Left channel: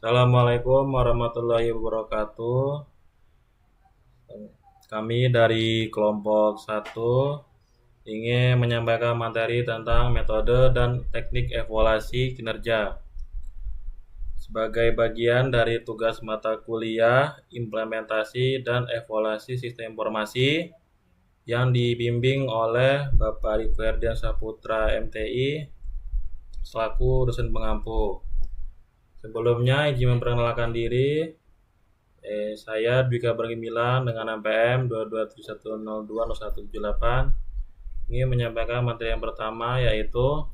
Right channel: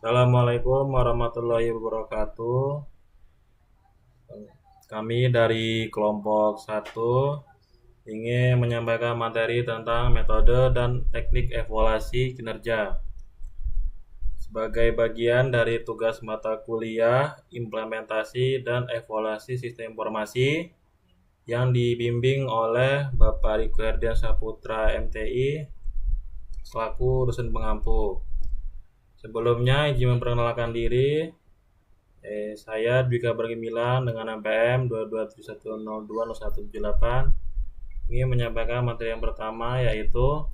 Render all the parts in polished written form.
Assalamualaikum warahmatullahi wabarakatuh. Kami dari kelompok 1 ingin menyampaikan materi tentang metode dan teknik evaluasi kinerja. Sebagai bagian dari tugas mata kuliah implementasi dan evaluasi sistem informasi yang dibimbing oleh Bapak Riko Herdian Saputra MTI selaku dosen pengampu. Sebelumnya izin memperkenalkan diri. Saya Dwika Bergimilan dengan NPM 22710200178 ingin menyampaikan materi yang pertama, yaitu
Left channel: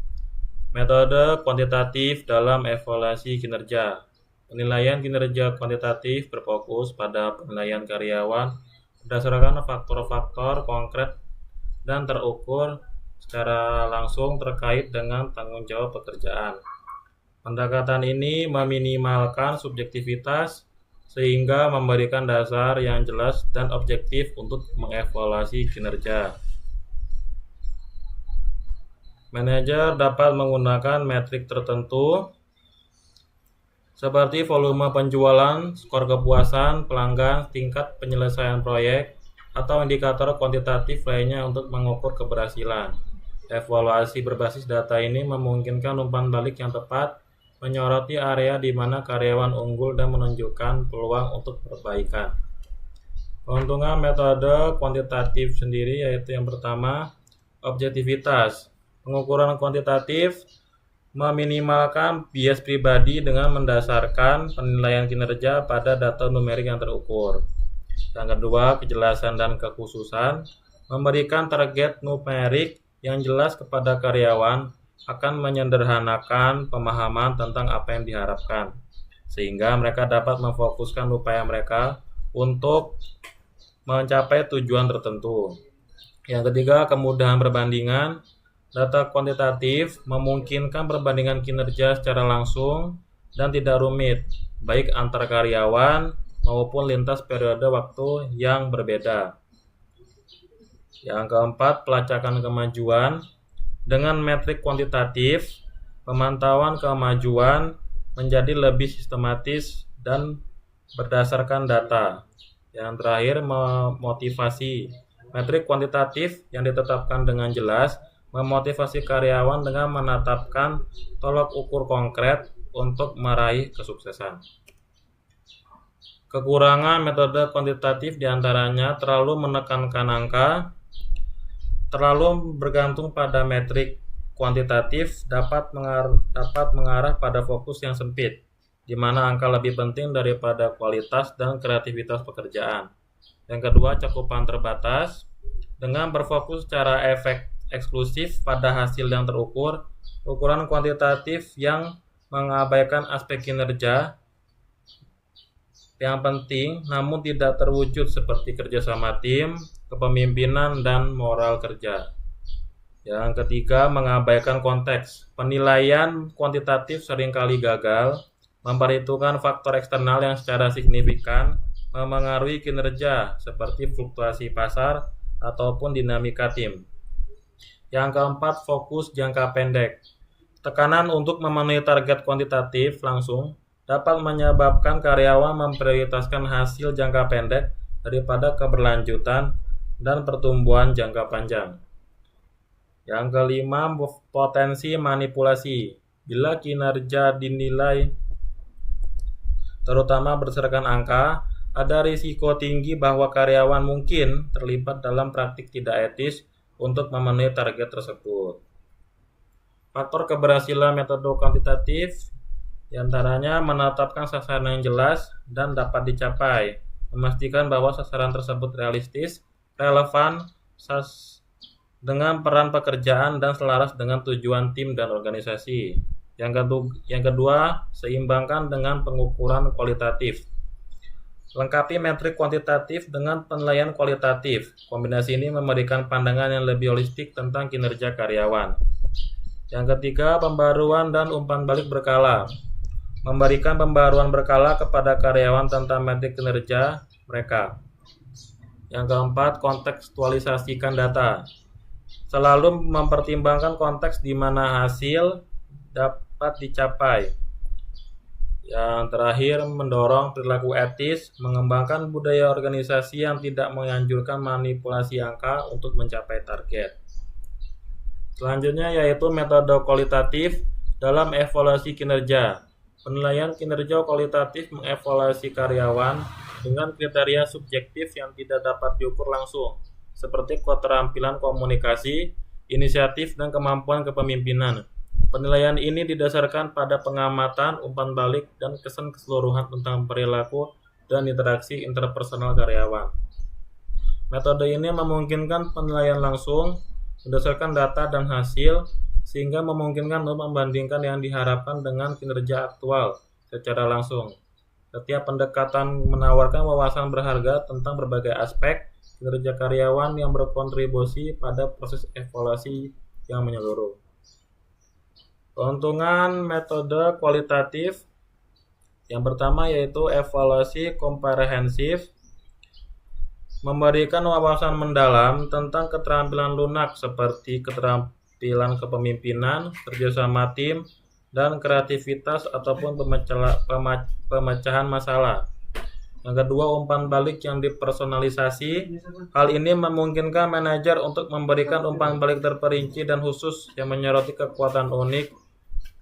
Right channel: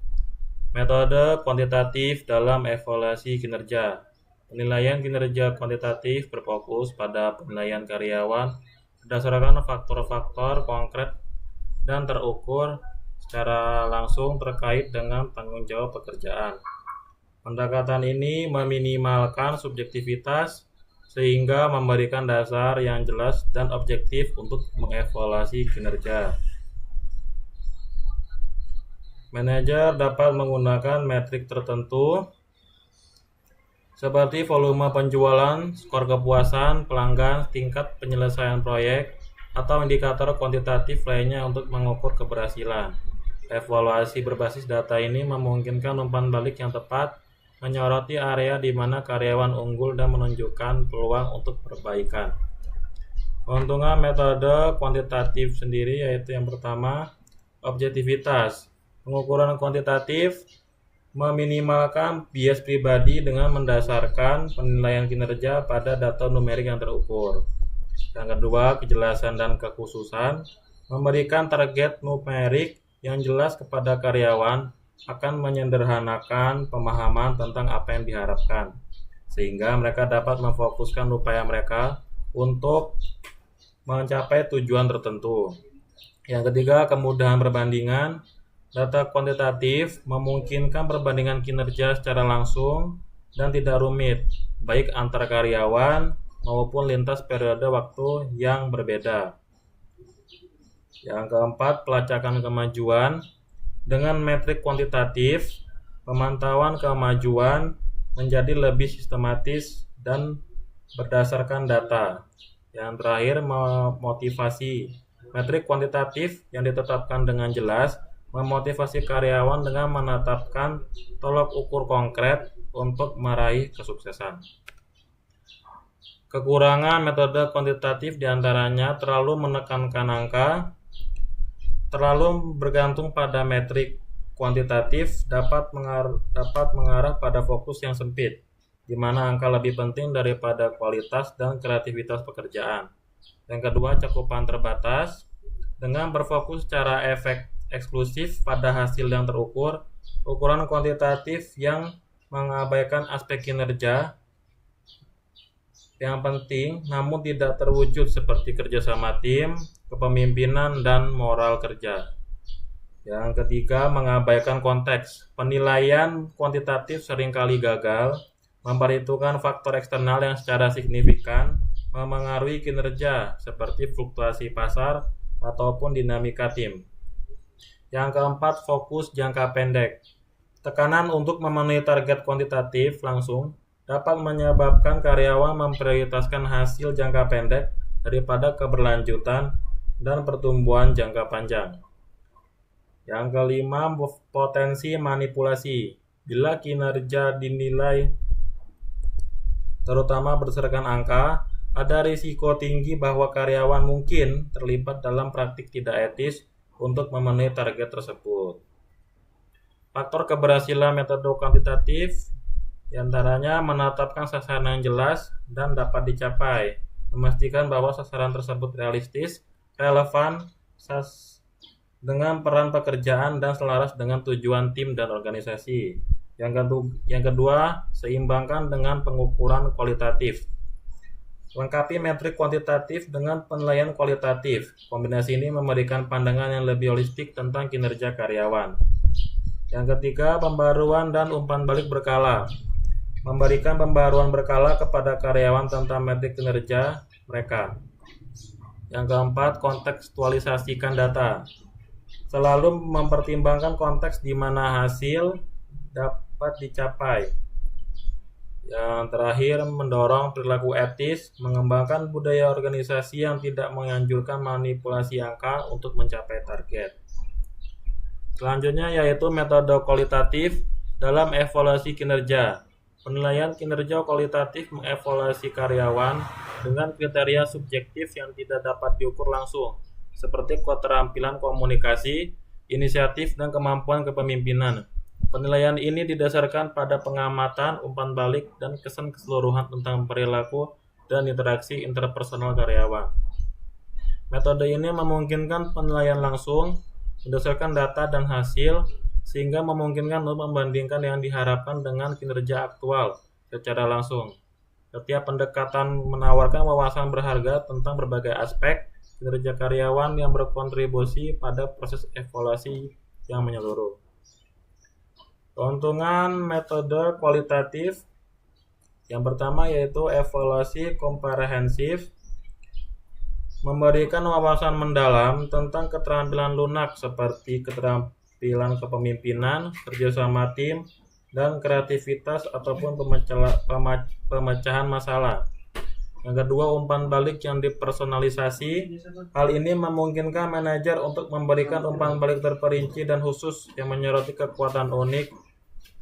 metode kuantitatif dalam evaluasi kinerja. Penilaian kinerja kuantitatif berfokus pada penilaian karyawan berdasarkan faktor-faktor konkret dan terukur secara langsung terkait dengan tanggung jawab pekerjaan. Pendekatan ini meminimalkan subjektivitas sehingga memberikan dasar yang jelas dan objektif untuk mengevaluasi kinerja. Manajer dapat menggunakan metrik tertentu seperti volume penjualan, skor kepuasan pelanggan, tingkat penyelesaian proyek, atau indikator kuantitatif lainnya untuk mengukur keberhasilan. Evaluasi berbasis data ini memungkinkan umpan balik yang tepat, menyoroti area di mana karyawan unggul dan menunjukkan peluang untuk perbaikan. Keuntungan metode kuantitatif sendiri yaitu yang pertama, objektivitas. Pengukuran kuantitatif meminimalkan bias pribadi dengan mendasarkan penilaian kinerja pada data numerik yang terukur. Yang kedua, kejelasan dan kekhususan. Memberikan target numerik yang jelas kepada karyawan akan menyederhanakan pemahaman tentang apa yang diharapkan, sehingga mereka dapat memfokuskan upaya mereka untuk mencapai tujuan tertentu. Yang ketiga, kemudahan perbandingan. Data kuantitatif memungkinkan perbandingan kinerja secara langsung dan tidak rumit, baik antar karyawan maupun lintas periode waktu yang berbeda. Yang keempat, pelacakan kemajuan. Dengan metrik kuantitatif, pemantauan kemajuan menjadi lebih sistematis dan berdasarkan data. Yang terakhir, memotivasi. Metrik kuantitatif yang ditetapkan dengan jelas memotivasi karyawan dengan menetapkan tolok ukur konkret untuk meraih kesuksesan. Kekurangan metode kuantitatif diantaranya terlalu menekankan angka, terlalu bergantung pada metrik kuantitatif dapat mengarah pada fokus yang sempit, di mana angka lebih penting daripada kualitas dan kreativitas pekerjaan. Yang kedua, cakupan terbatas. Dengan berfokus secara eksklusif pada hasil yang terukur, ukuran kuantitatif yang mengabaikan aspek kinerja yang penting namun tidak terwujud seperti kerjasama tim, kepemimpinan, dan moral kerja. Yang ketiga, mengabaikan konteks. Penilaian kuantitatif seringkali gagal, memperhitungkan faktor eksternal yang secara signifikan memengaruhi kinerja seperti fluktuasi pasar ataupun dinamika tim. Yang keempat, fokus jangka pendek. Tekanan untuk memenuhi target kuantitatif langsung dapat menyebabkan karyawan memprioritaskan hasil jangka pendek daripada keberlanjutan dan pertumbuhan jangka panjang. Yang kelima, potensi manipulasi. Bila kinerja dinilai terutama berdasarkan angka, ada risiko tinggi bahwa karyawan mungkin terlibat dalam praktik tidak etis untuk memenuhi target tersebut. Faktor keberhasilan metode kuantitatif diantaranya menetapkan sasaran yang jelas dan dapat dicapai, memastikan bahwa sasaran tersebut realistis, relevan dengan peran pekerjaan dan selaras dengan tujuan tim dan organisasi. Yang kedua, seimbangkan dengan pengukuran kualitatif. Lengkapi metrik kuantitatif dengan penilaian kualitatif. Kombinasi ini memberikan pandangan yang lebih holistik tentang kinerja karyawan. Yang ketiga, pembaruan dan umpan balik berkala. Memberikan pembaruan berkala kepada karyawan tentang metrik kinerja mereka. Yang keempat, kontekstualisasikan data. Selalu mempertimbangkan konteks di mana hasil dapat dicapai. Yang terakhir, mendorong perilaku etis, mengembangkan budaya organisasi yang tidak menganjurkan manipulasi angka untuk mencapai target. Selanjutnya yaitu metode kualitatif dalam evaluasi kinerja. Penilaian kinerja kualitatif mengevaluasi karyawan dengan kriteria subjektif yang tidak dapat diukur langsung, seperti keterampilan komunikasi, inisiatif, dan kemampuan kepemimpinan. Penilaian ini didasarkan pada pengamatan, umpan balik, dan kesan keseluruhan tentang perilaku dan interaksi interpersonal karyawan. Metode ini memungkinkan penilaian langsung berdasarkan data dan hasil, sehingga memungkinkan untuk membandingkan yang diharapkan dengan kinerja aktual secara langsung. Setiap pendekatan menawarkan wawasan berharga tentang berbagai aspek kinerja karyawan yang berkontribusi pada proses evaluasi yang menyeluruh. Keuntungan metode kualitatif yang pertama yaitu evaluasi komprehensif, memberikan wawasan mendalam tentang keterampilan lunak seperti keterampilan kepemimpinan, kerjasama tim, dan kreativitas ataupun pemecahan masalah. Yang kedua, umpan balik yang dipersonalisasi. Hal ini memungkinkan manajer untuk memberikan umpan balik terperinci dan khusus yang menyoroti kekuatan unik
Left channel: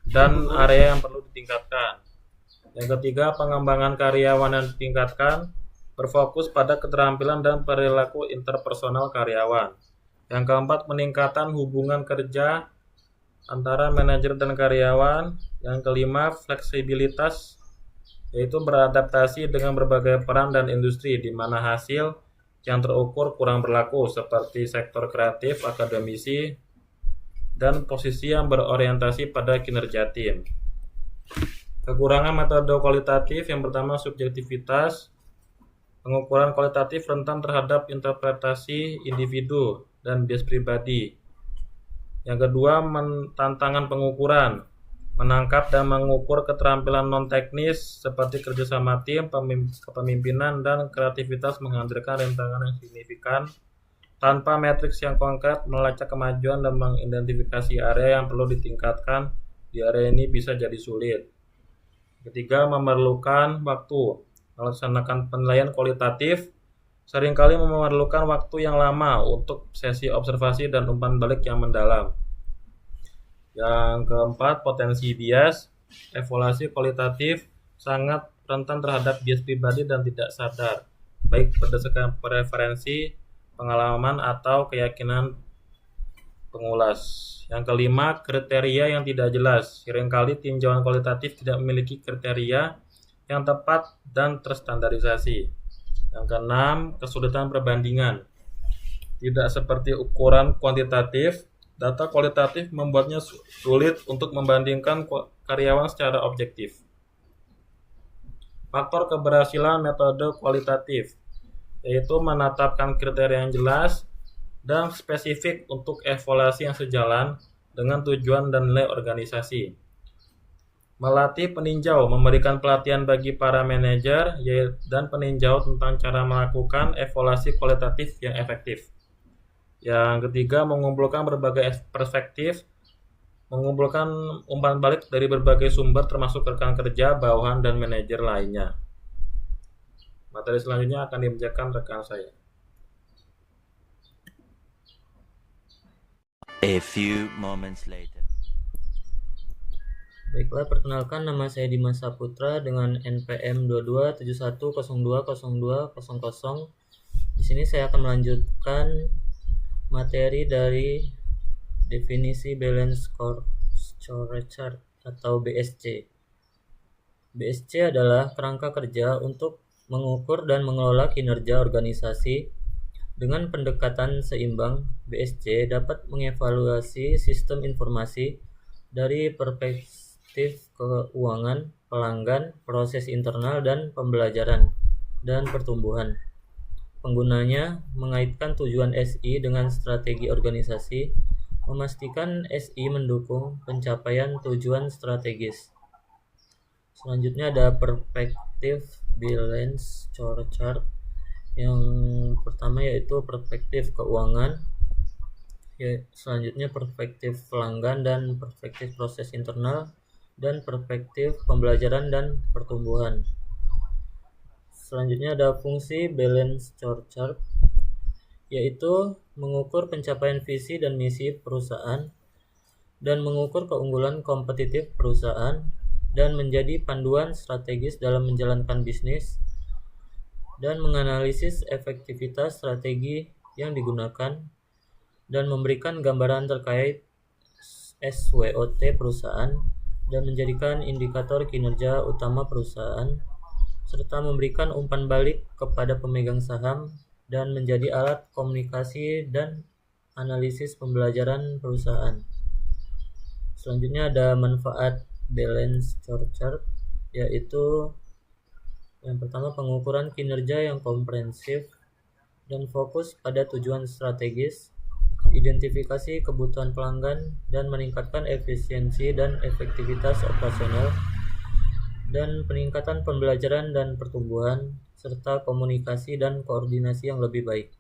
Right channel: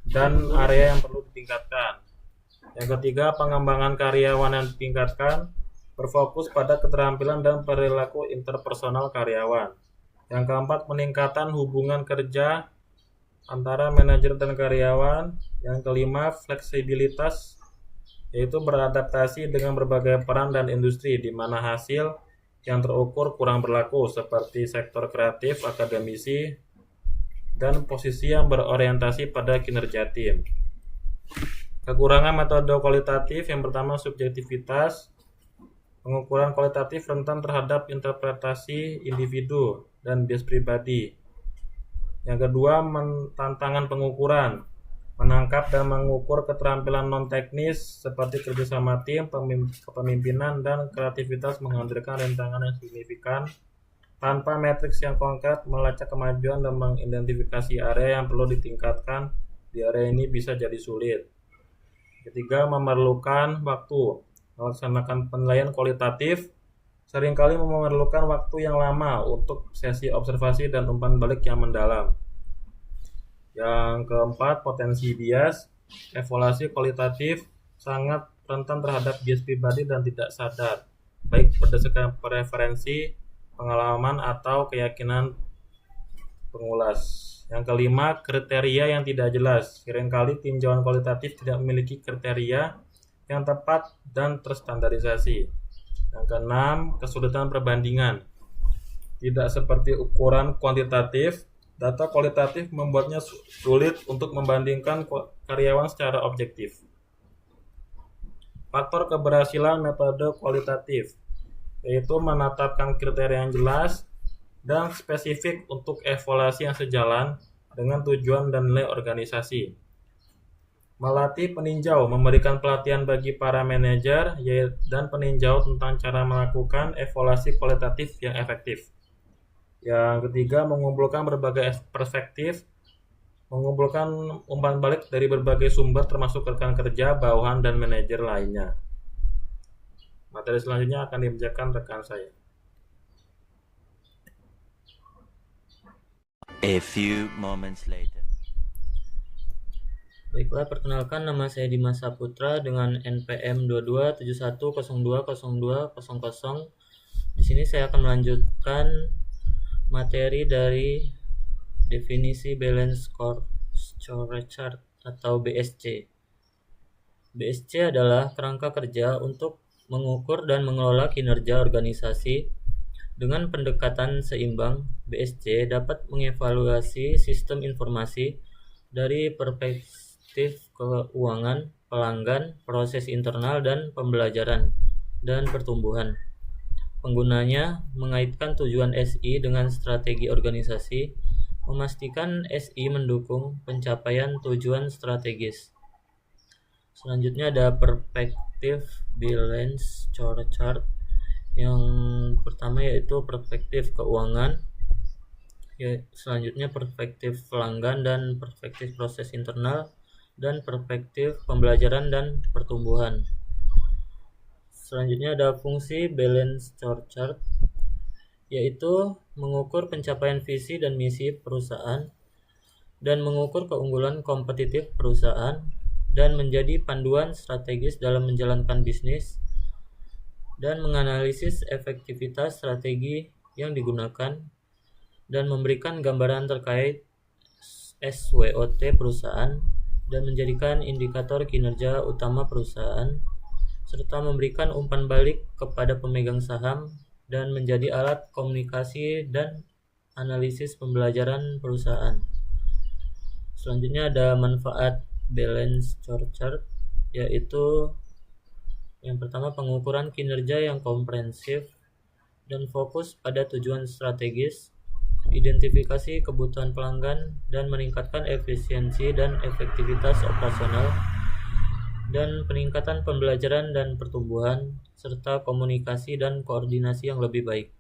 dan area yang perlu ditingkatkan. Yang ketiga, pengembangan karyawan yang ditingkatkan, berfokus pada keterampilan dan perilaku interpersonal karyawan. Yang keempat, peningkatan hubungan kerja antara manajer dan karyawan. Yang kelima, fleksibilitas, yaitu beradaptasi dengan berbagai peran dan industri di mana hasil yang terukur kurang berlaku seperti sektor kreatif, akademisi, dan posisi yang berorientasi pada kinerja tim. Kekurangan metode kualitatif yang pertama subjektivitas. Pengukuran kualitatif rentan terhadap interpretasi individu dan bias pribadi. Yang kedua, tantangan pengukuran. Menangkap dan mengukur keterampilan non-teknis seperti kerjasama tim, kepemimpinan, dan kreativitas menghadirkan rintangan yang signifikan. Tanpa matriks yang konkret, melacak kemajuan dan mengidentifikasi area yang perlu ditingkatkan di area ini bisa jadi sulit. Ketiga, memerlukan waktu. Melaksanakan penilaian kualitatif seringkali memerlukan waktu yang lama untuk sesi observasi dan umpan balik yang mendalam. Yang keempat, potensi bias. Evaluasi kualitatif sangat rentan terhadap bias pribadi dan tidak sadar, baik berdasarkan preferensi, pengalaman, atau keyakinan pengulas. Yang kelima, kriteria yang tidak jelas. Seringkali tinjauan kualitatif tidak memiliki kriteria yang tepat dan terstandarisasi. Yang keenam, kesulitan perbandingan. Tidak seperti ukuran kuantitatif, data kualitatif membuatnya sulit untuk membandingkan karyawan secara objektif. Faktor keberhasilan metode kualitatif, yaitu menetapkan kriteria yang jelas dan spesifik untuk evaluasi yang sejalan dengan tujuan dan nilai organisasi. Melatih peninjau, memberikan pelatihan bagi para manajer dan peninjau tentang cara melakukan evaluasi kualitatif yang efektif. Yang ketiga, mengumpulkan berbagai perspektif, mengumpulkan umpan balik dari berbagai sumber termasuk rekan kerja, bawahan, dan manajer lainnya. Materi selanjutnya akan dibacakan rekan saya. A few moments later. Baiklah, perkenalkan nama saya Dimas Saputra dengan NPM 2271020200. Di sini saya akan melanjutkan materi dari definisi Balance Scorecard atau BSC. BSC adalah kerangka kerja untuk mengukur dan mengelola kinerja organisasi. Dengan pendekatan seimbang, BSC dapat mengevaluasi sistem informasi dari perspektif keuangan, pelanggan, proses internal, dan pembelajaran dan pertumbuhan. Penggunanya mengaitkan tujuan SI dengan strategi organisasi, memastikan SI mendukung pencapaian tujuan strategis. Selanjutnya ada perspektif balance scorecard. Yang pertama yaitu perspektif keuangan, selanjutnya perspektif pelanggan dan perspektif proses internal, dan perspektif pembelajaran dan pertumbuhan. Selanjutnya ada fungsi balance scorecard, yaitu mengukur pencapaian visi dan misi perusahaan dan mengukur keunggulan kompetitif perusahaan dan menjadi panduan strategis dalam menjalankan bisnis dan menganalisis efektivitas strategi yang digunakan dan memberikan gambaran terkait SWOT perusahaan dan menjadikan indikator kinerja utama perusahaan serta memberikan umpan balik kepada pemegang saham dan menjadi alat komunikasi dan analisis pembelajaran perusahaan. Selanjutnya ada manfaat balance scorecard, yaitu yang pertama pengukuran kinerja yang komprehensif dan fokus pada tujuan strategis, identifikasi kebutuhan pelanggan dan meningkatkan efisiensi dan efektivitas operasional, dan peningkatan pembelajaran dan pertumbuhan serta komunikasi dan koordinasi yang lebih baik.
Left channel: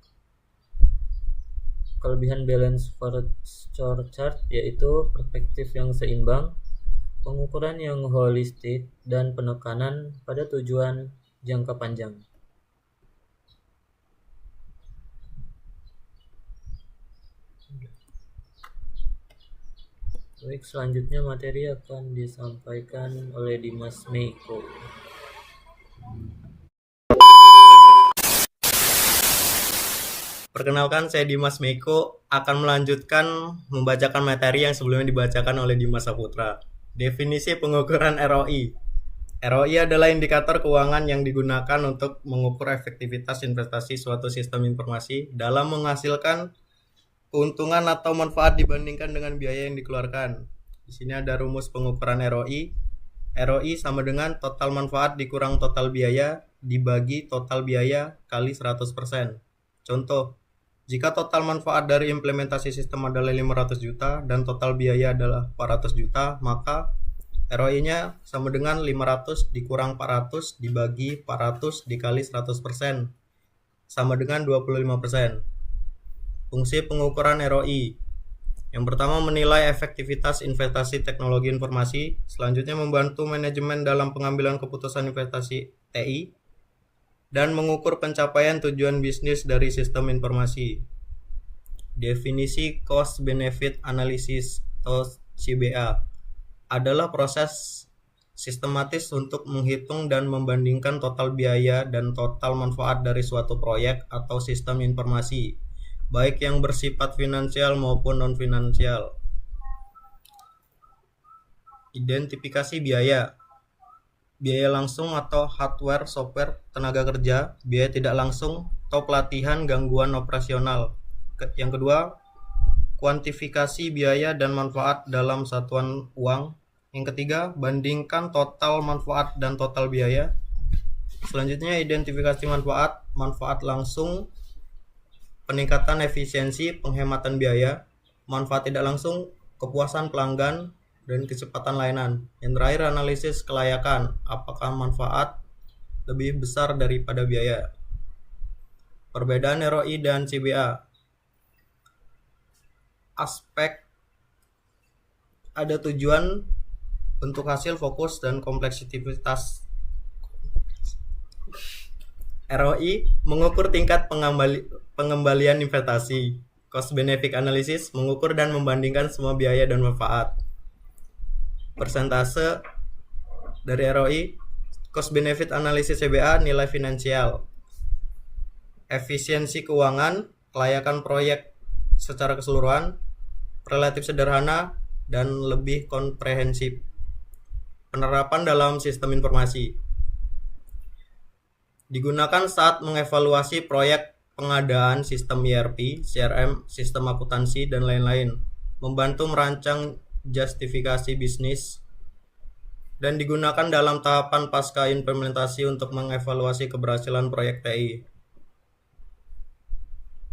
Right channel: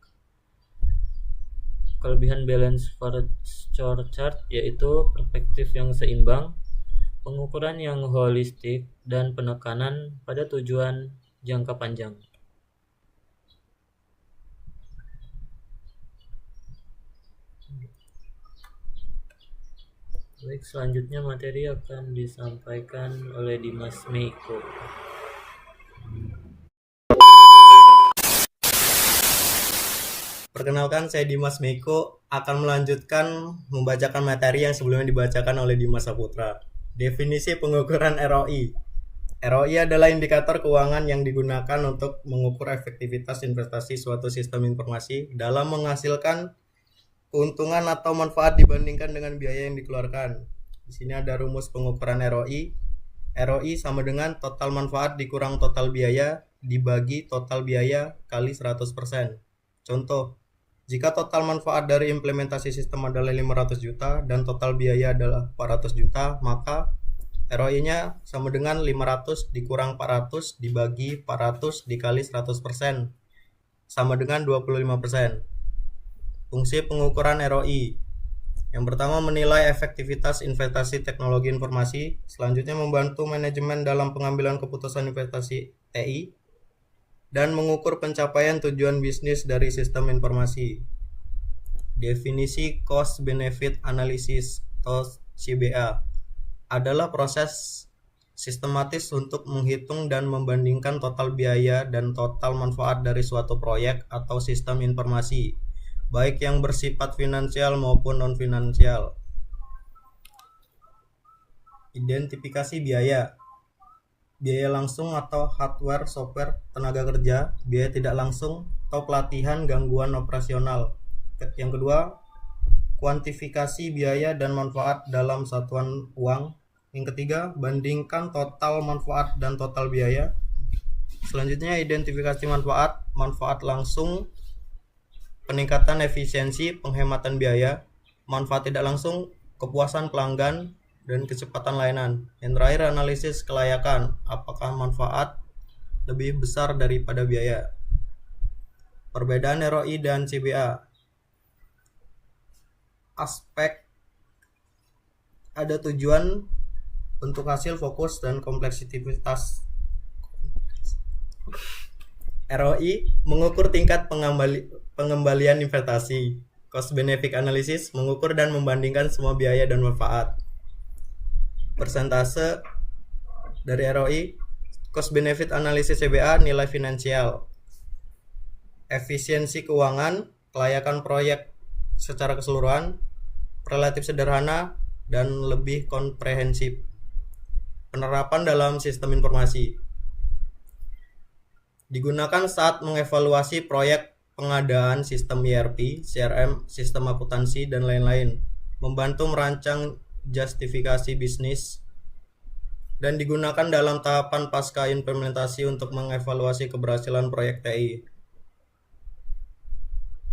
Kelebihan balance scorecard yaitu perspektif yang seimbang, pengukuran yang holistik, dan penekanan pada tujuan jangka panjang. Baik, selanjutnya materi akan disampaikan oleh Dimas Meiko. Perkenalkan, saya Dimas Meiko akan melanjutkan membacakan materi yang sebelumnya dibacakan oleh Dimas Saputra. Definisi pengukuran ROI. ROI adalah indikator keuangan yang digunakan untuk mengukur efektivitas investasi suatu sistem informasi dalam menghasilkan keuntungan atau manfaat dibandingkan dengan biaya yang dikeluarkan. Di sini ada rumus pengukuran ROI. ROI sama dengan total manfaat dikurang total biaya dibagi total biaya kali 100%. Contoh, jika total manfaat dari implementasi sistem adalah 500 juta dan total biaya adalah 400 juta, maka ROI-nya sama dengan 500 dikurang 400 dibagi 400 dikali 100%, sama dengan 25%. Fungsi pengukuran ROI. Yang pertama, menilai efektivitas investasi teknologi informasi. Selanjutnya, membantu manajemen dalam pengambilan keputusan investasi TI. Dan mengukur pencapaian tujuan bisnis dari sistem informasi. Definisi Cost Benefit Analysis atau CBA adalah proses sistematis untuk menghitung dan membandingkan total biaya dan total manfaat dari suatu proyek atau sistem informasi, baik yang bersifat finansial maupun non-finansial. Identifikasi biaya. Biaya langsung atau hardware, software, tenaga kerja, biaya tidak langsung atau pelatihan, gangguan operasional. Yang kedua, kuantifikasi biaya dan manfaat dalam satuan uang. Yang ketiga, bandingkan total manfaat dan total biaya. Selanjutnya, identifikasi manfaat, manfaat langsung, peningkatan efisiensi, penghematan biaya, manfaat tidak langsung, kepuasan pelanggan, dan kecepatan layanan. Yang terakhir, analisis kelayakan, apakah manfaat lebih besar daripada biaya. Perbedaan ROI dan CBA. Aspek ada tujuan, bentuk hasil, fokus, dan kompleksitas. ROI mengukur tingkat pengembalian investasi. Cost benefit analysis mengukur dan membandingkan semua biaya dan manfaat. Persentase dari ROI. Cost benefit analysis CBA, nilai finansial. Efisiensi keuangan, kelayakan proyek secara keseluruhan, relatif sederhana dan lebih komprehensif. Penerapan dalam sistem informasi. Digunakan saat mengevaluasi proyek pengadaan sistem ERP, CRM, sistem akuntansi, dan lain-lain. Membantu merancang justifikasi bisnis, dan digunakan dalam tahapan pasca implementasi untuk mengevaluasi keberhasilan proyek TI.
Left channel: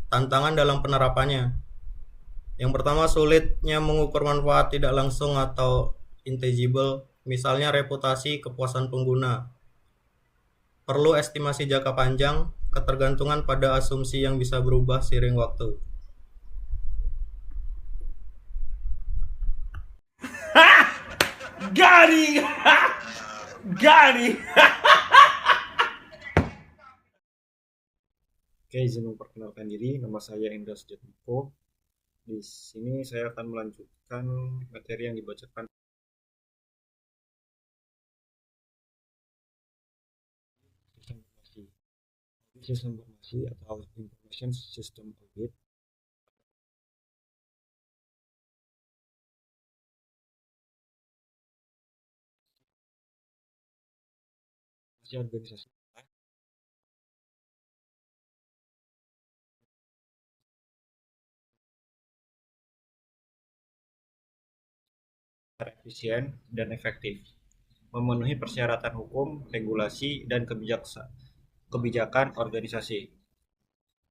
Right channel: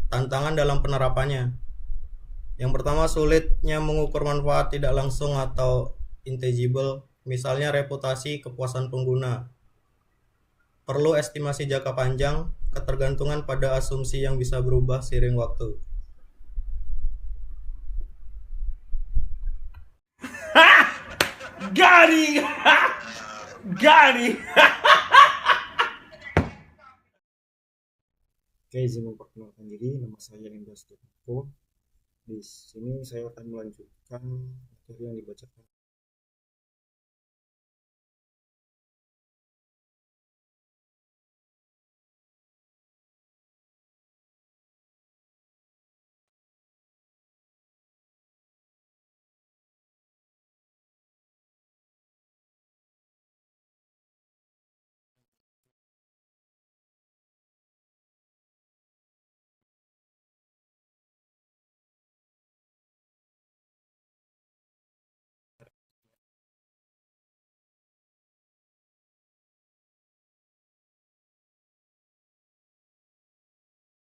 Tantangan dalam penerapannya. Yang pertama, sulitnya mengukur manfaat tidak langsung atau intangible, misalnya reputasi, kepuasan pengguna. Perlu estimasi jangka panjang, ketergantungan pada asumsi yang bisa berubah seiring waktu. Garing! Garing! Oke, izin memperkenalkan diri, nama saya Indra Sujatmiko. Di sini saya akan melanjutkan materi yang dibacakan sistem informasi atau information system audit. Organisasi efisien dan efektif, memenuhi persyaratan hukum, regulasi, dan kebijakan organisasi.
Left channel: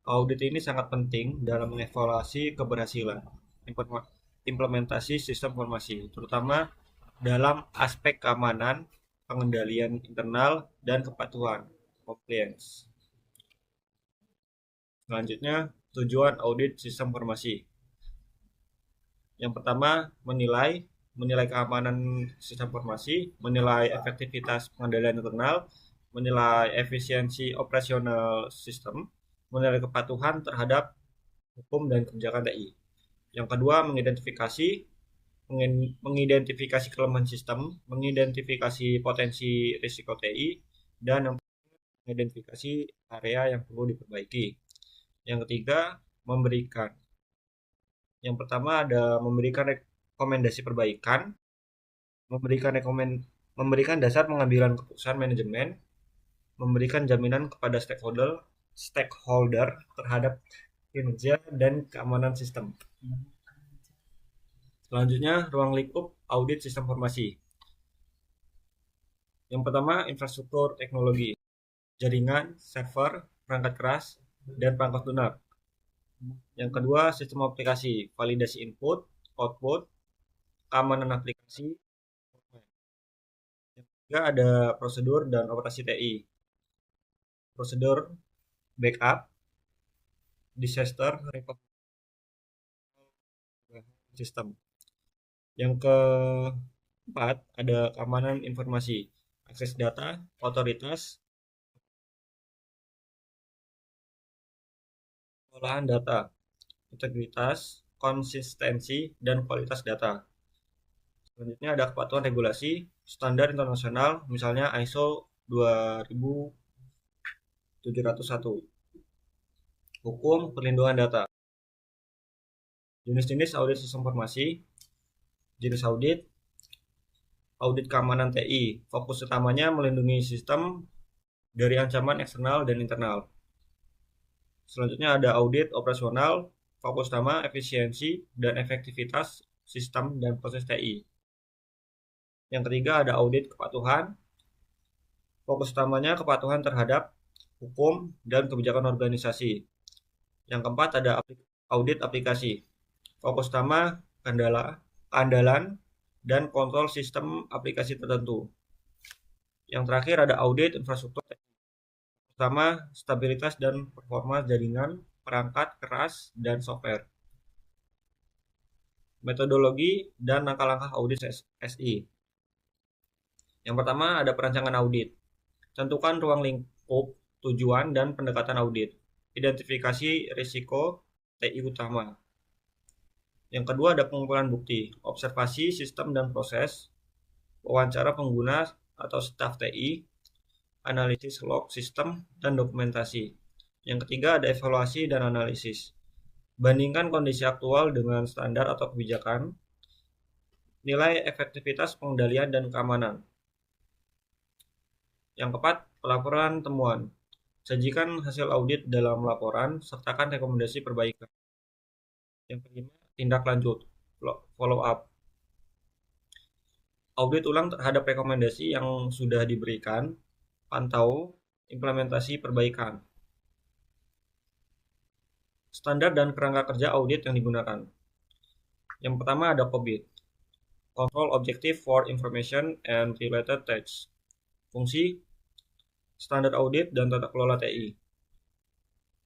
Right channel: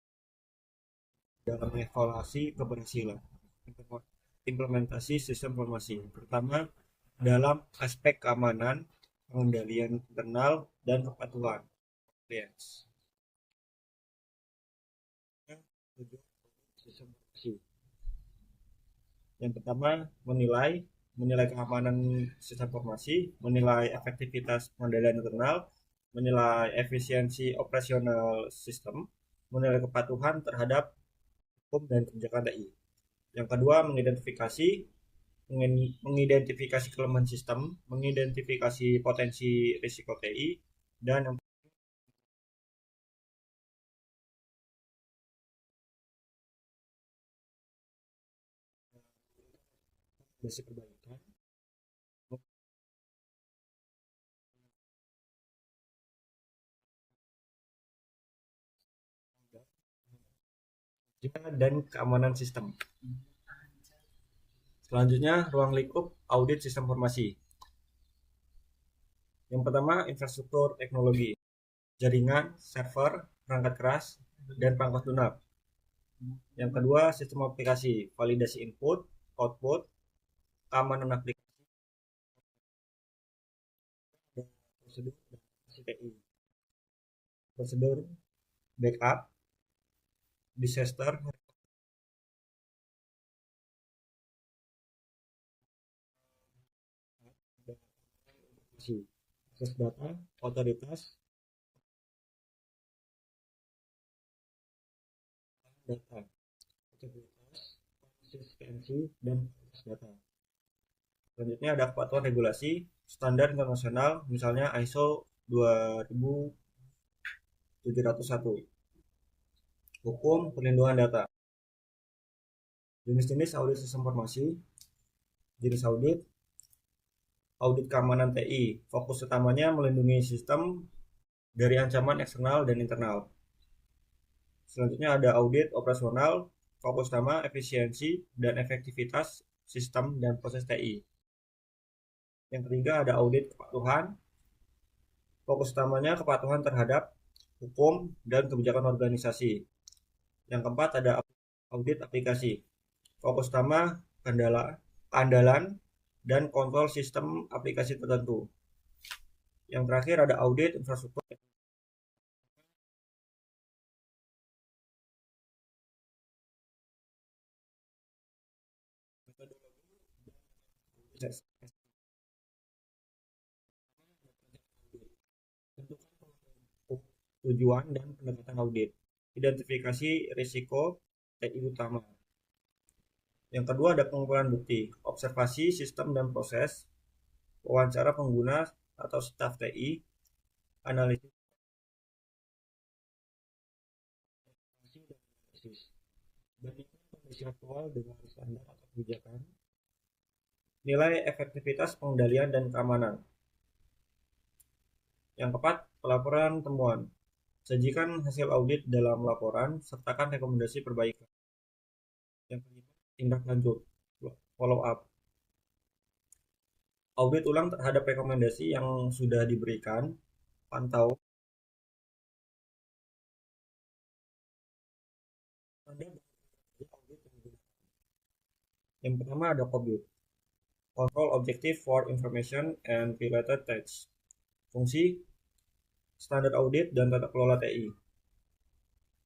Audit ini sangat penting dalam mengevaluasi keberhasilan implementasi sistem informasi, terutama dalam aspek keamanan, pengendalian internal, dan kepatuhan compliance. Selanjutnya, tujuan audit sistem informasi. Yang pertama, menilai keamanan sistem informasi, menilai efektivitas pengendalian internal, menilai efisiensi operasional sistem, menilai kepatuhan terhadap hukum dan kebijakan TI. Yang kedua, mengidentifikasi kelemahan sistem, mengidentifikasi potensi risiko TI, dan mengidentifikasi area yang perlu diperbaiki. Yang ketiga, memberikan. Yang pertama ada memberikan rekomendasi perbaikan, memberikan dasar pengambilan keputusan manajemen, memberikan jaminan kepada stakeholder terhadap kinerja dan keamanan sistem. Selanjutnya, ruang lingkup audit sistem informasi. Yang pertama, infrastruktur teknologi, jaringan, server, perangkat keras, dan perangkat lunak. Yang kedua, sistem aplikasi, validasi input, output, keamanan aplikasi. Yang ketiga ada prosedur dan operasi TI. Prosedur backup, disaster recovery system. Yang keempat ada keamanan informasi, akses data, otoritas, pengolahan data, integritas, konsistensi, dan kualitas data. Selanjutnya ada kepatuhan regulasi, standar internasional, misalnya ISO 20701. Hukum perlindungan data. Jenis-jenis audit sistem informasi. Jenis audit keamanan TI. Fokus utamanya melindungi sistem dari ancaman eksternal dan internal. Selanjutnya ada audit operasional, fokus utama efisiensi dan efektivitas sistem dan proses TI. Yang ketiga ada audit kepatuhan, fokus utamanya kepatuhan terhadap hukum dan kebijakan organisasi. Yang keempat ada audit aplikasi, fokus utama keandalan dan kontrol sistem aplikasi tertentu. Yang terakhir ada audit infrastruktur, pertama stabilitas dan performa jaringan, perangkat keras, dan software. Metodologi dan langkah-langkah audit SI. Yang pertama ada perancangan audit. Tentukan ruang lingkup, tujuan, dan pendekatan audit. Identifikasi risiko TI utama. Yang kedua ada pengumpulan bukti, observasi sistem dan proses, wawancara pengguna atau staf TI, analisis log sistem, dan dokumentasi. Yang ketiga ada evaluasi dan analisis. Bandingkan kondisi aktual dengan standar atau kebijakan. Nilai efektivitas pengendalian dan keamanan. Yang keempat, pelaporan temuan. Sajikan hasil audit dalam laporan, sertakan rekomendasi perbaikan. Yang kelima, tindak lanjut, follow up. Audit ulang terhadap rekomendasi yang sudah diberikan, pantau implementasi perbaikan. Standar dan kerangka kerja audit yang digunakan. Yang pertama ada COBIT, Control Objective for Information and Related Tasks. Fungsi, standar audit dan tata kelola TI.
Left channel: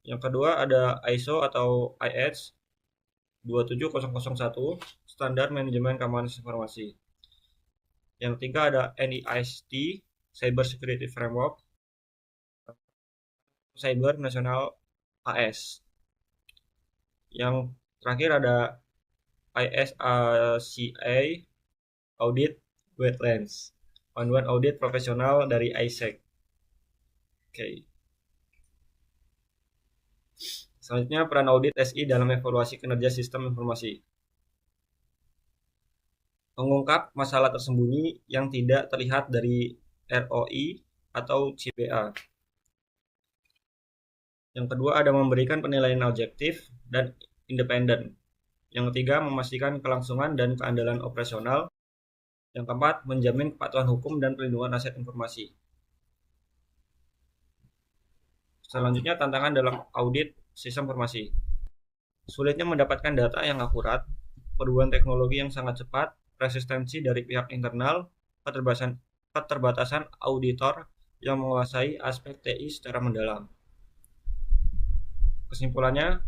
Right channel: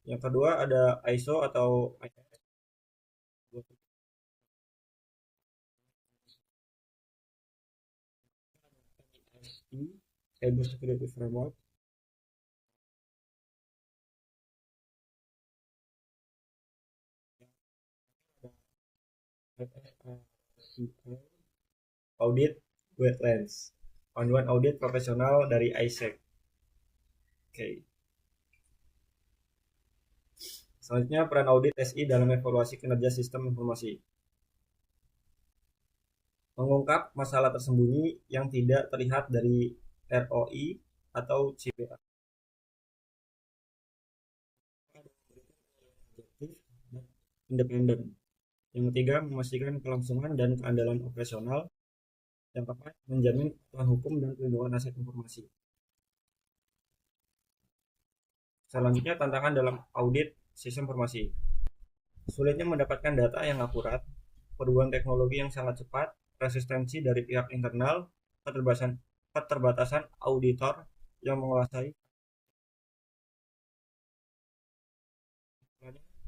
Yang kedua ada ISO atau IS 27001, standar manajemen keamanan informasi. Yang ketiga ada NIST, Cyber Security Framework, Cyber National AS. Yang terakhir ada ISACA, Audit Wetlands, panduan audit profesional dari ISEC. Oke. Selanjutnya peran audit SI dalam evaluasi kinerja sistem informasi. Mengungkap masalah tersembunyi yang tidak terlihat dari ROI atau CBA. Yang kedua ada memberikan penilaian objektif dan independen. Yang ketiga memastikan kelangsungan dan keandalan operasional. Yang keempat menjamin kepatuhan hukum dan perlindungan aset informasi. Selanjutnya tantangan dalam audit sistem informasi. Sulitnya mendapatkan data yang akurat, perubahan teknologi yang sangat cepat, resistensi dari pihak internal, keterbatasan auditor yang menguasai aspek TI secara mendalam. Kesimpulannya,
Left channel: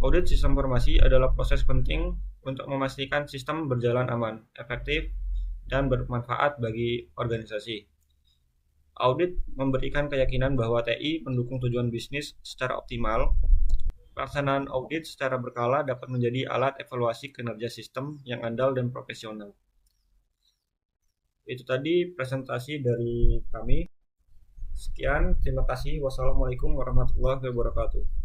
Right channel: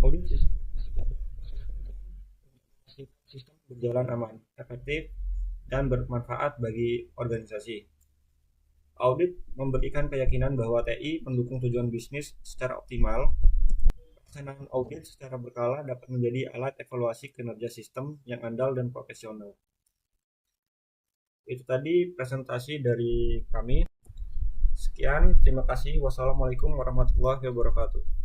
audit sistem informasi adalah proses penting untuk memastikan sistem berjalan aman, efektif, dan bermanfaat bagi organisasi. Audit memberikan keyakinan bahwa TI mendukung tujuan bisnis secara optimal. Pelaksanaan audit secara berkala dapat menjadi alat evaluasi kinerja sistem yang andal dan profesional. Itu tadi presentasi dari kami. Sekian, terima kasih. Wassalamualaikum warahmatullahi wabarakatuh.